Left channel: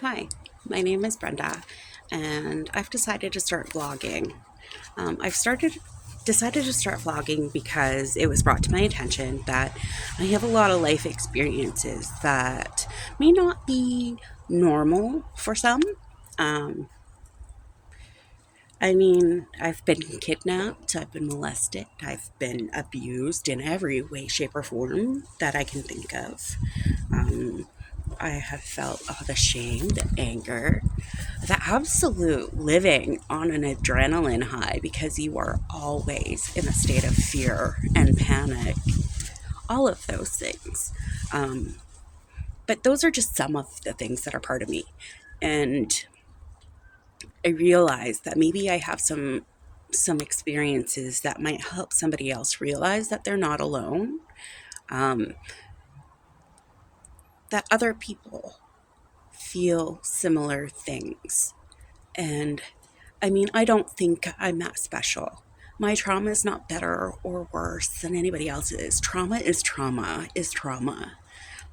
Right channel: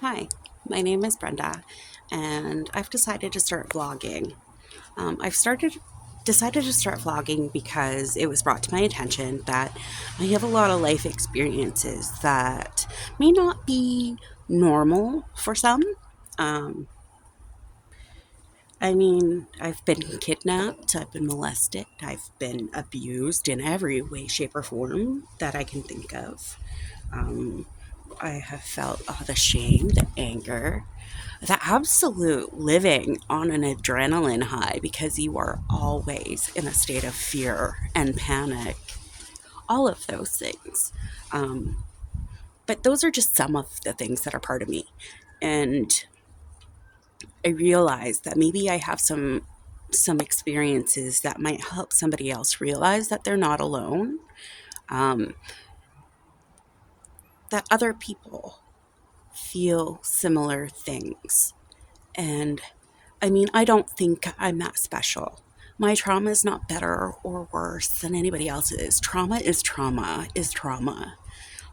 Hi, my name is Brenda, and I've decided to start vlogging. I've decided to start vlogging because it was brought to my attention that I have a lot of life experiences that may not be normal for some. Um, I've been kidnapped, I've been molested, I've been abused in every way, shape, or form that I can think of. Um, I have felt the shame, the anger, the absolute living on an adrenaline high because you are always in a state of fear and panic. All of those things. Um, but those are just some of the things that are part of me. And I realize that maybe I have some experiences that might help somebody else realize that they're not alone. Um, that other people feel similar things. And I don't think I'm that special. My trauma is not better or worse than anybody else's. Trauma is trauma is trauma.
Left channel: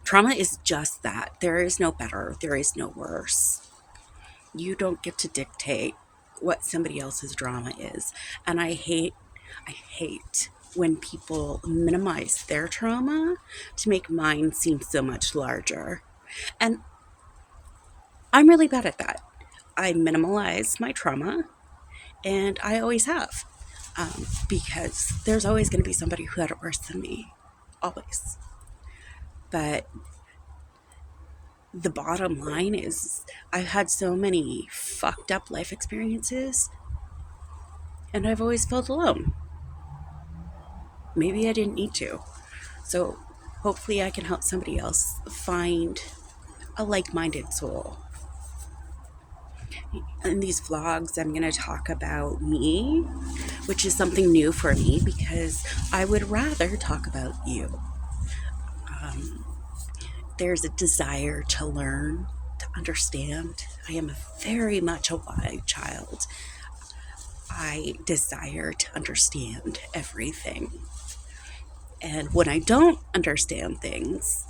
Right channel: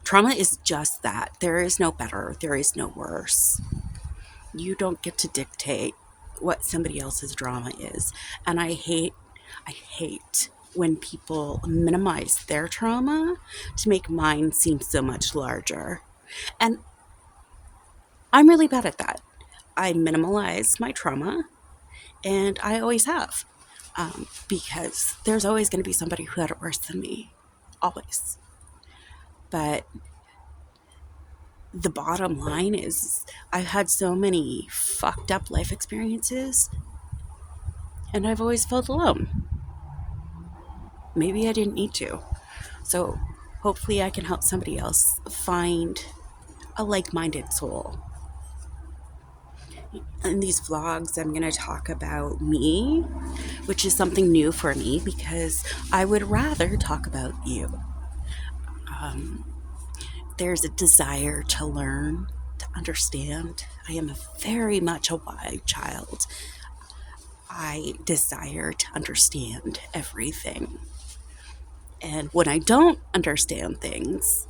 Trauma is just that. There is no better, there is no worse. You don't get to dictate what somebody else's drama is. And I hate when people minimize their trauma to make mine seem so much larger. And I'm really bad at that. I minimalize my trauma, and I always have, because there's always going to be somebody who had it worse than me, always. But the bottom line is, I've had so many fucked up life experiences, and I've always felt alone. Maybe I didn't need to. So hopefully, I can help somebody else find a like minded soul. In these vlogs, I'm going to talk about me, which is something new for me because I would rather talk about you. There's a desire to learn, to understand. I am very much a wide child. I desire to understand everything. And when I don't understand things,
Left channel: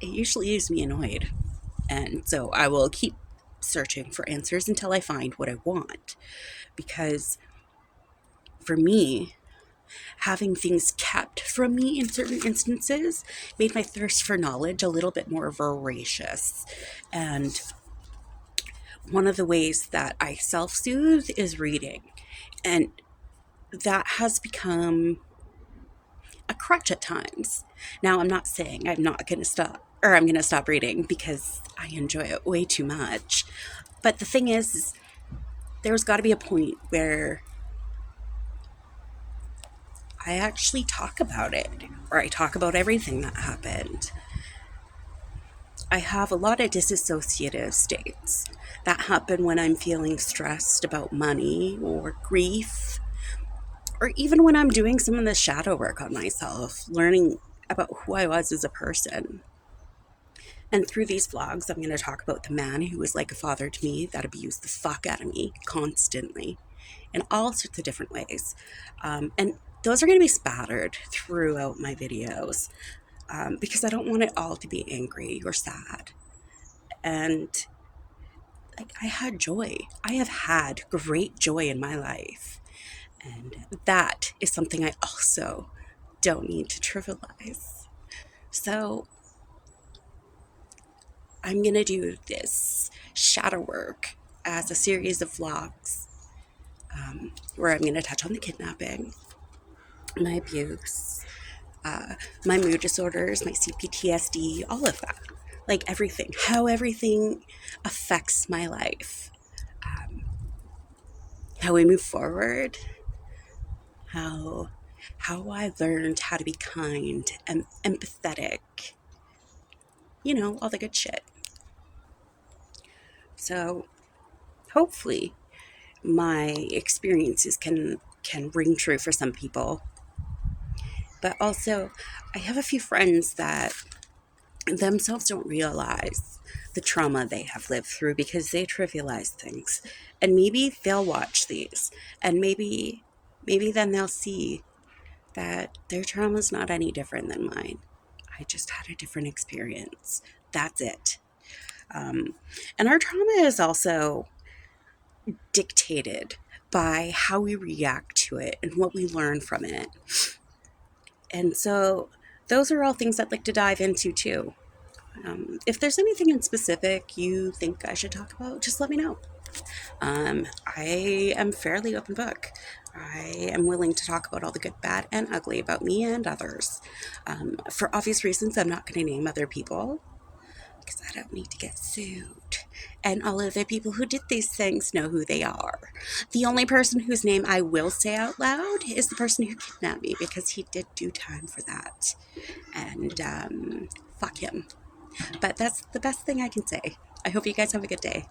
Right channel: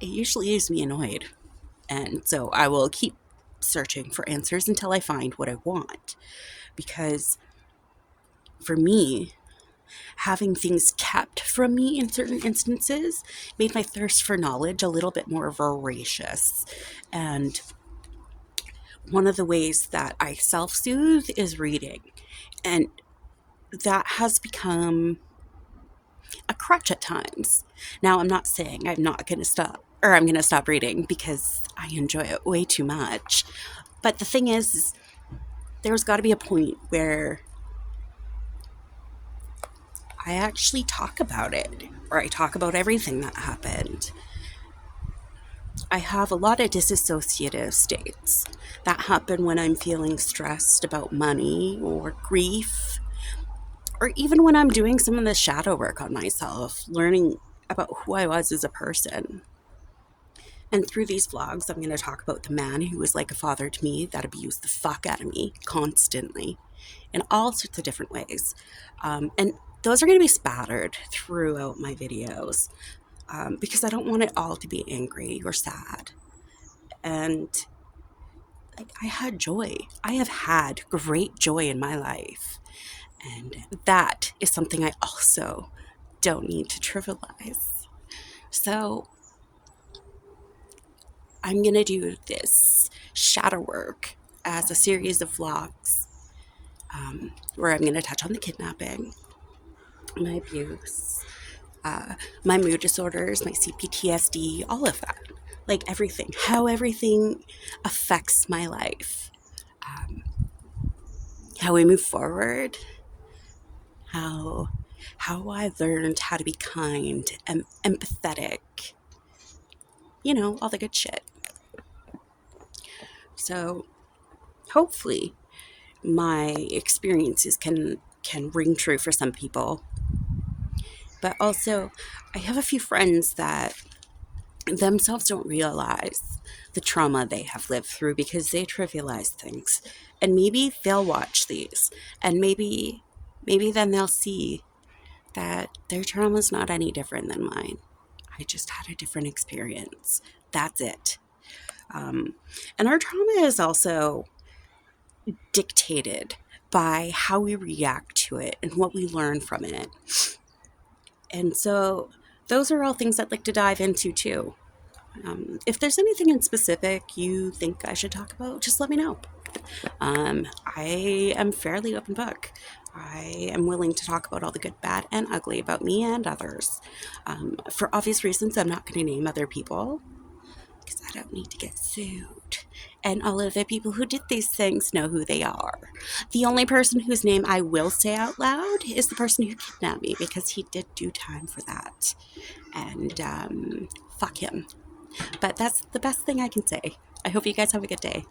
it usually leaves me annoyed. And so I will keep searching for answers until I find what I want. Because for me, having things kept from me in certain instances made my thirst for knowledge a little bit more voracious. And one of the ways that I self soothe is reading. And that has become a crutch at times. Now, I'm not saying I'm not going to stop, or I'm going to stop reading because I enjoy it way too much. But the thing is there's got to be a point where I actually talk about it, or I talk about everything that happened. I have a lot of disassociative states that happen when I'm feeling stressed about money or grief, or even when I'm doing some of the shadow work on myself, learning about who I was as a person. And through these vlogs, I'm going to talk about the man who was like a father to me that abused the fuck out of me constantly in all sorts of different ways. And those are going to be spattered throughout my videos, because I don't want it all to be angry or sad. And like, I had joy. I have had great joy in my life. And that is something I also don't need to trivialize. So I'm going to do this shadow work as a series of vlogs, where I'm going to touch on the kidnapping, my abuse, my mood disorders, my CPTSD, all of that. Like everything, how everything affects my life, how I move forward, how I learned how to be kind and empathetic, all the good shit. So hopefully my experiences can ring true for some people. But also, I have a few friends that themselves don't realize the trauma they have lived through because they trivialize things. And maybe they'll watch these, and maybe then they'll see that their trauma is not any different than mine. I just had a different experience. That's it. And our trauma is also dictated by how we react to it and what we learn from it. And so those are all things I'd like to dive into too. If there's anything in specific you think I should talk about, just let me know. I am fairly open book. I am willing to talk about all the good, bad, and ugly about me and others. For obvious reasons, I'm not going to name other people because I don't need to get sued. And all of the people who did these things know who they are. The only person whose name I will say out loud is the person who kidnapped me because he did do time for that. And fuck him. But that's the best thing I can say. I hope you guys have a good day.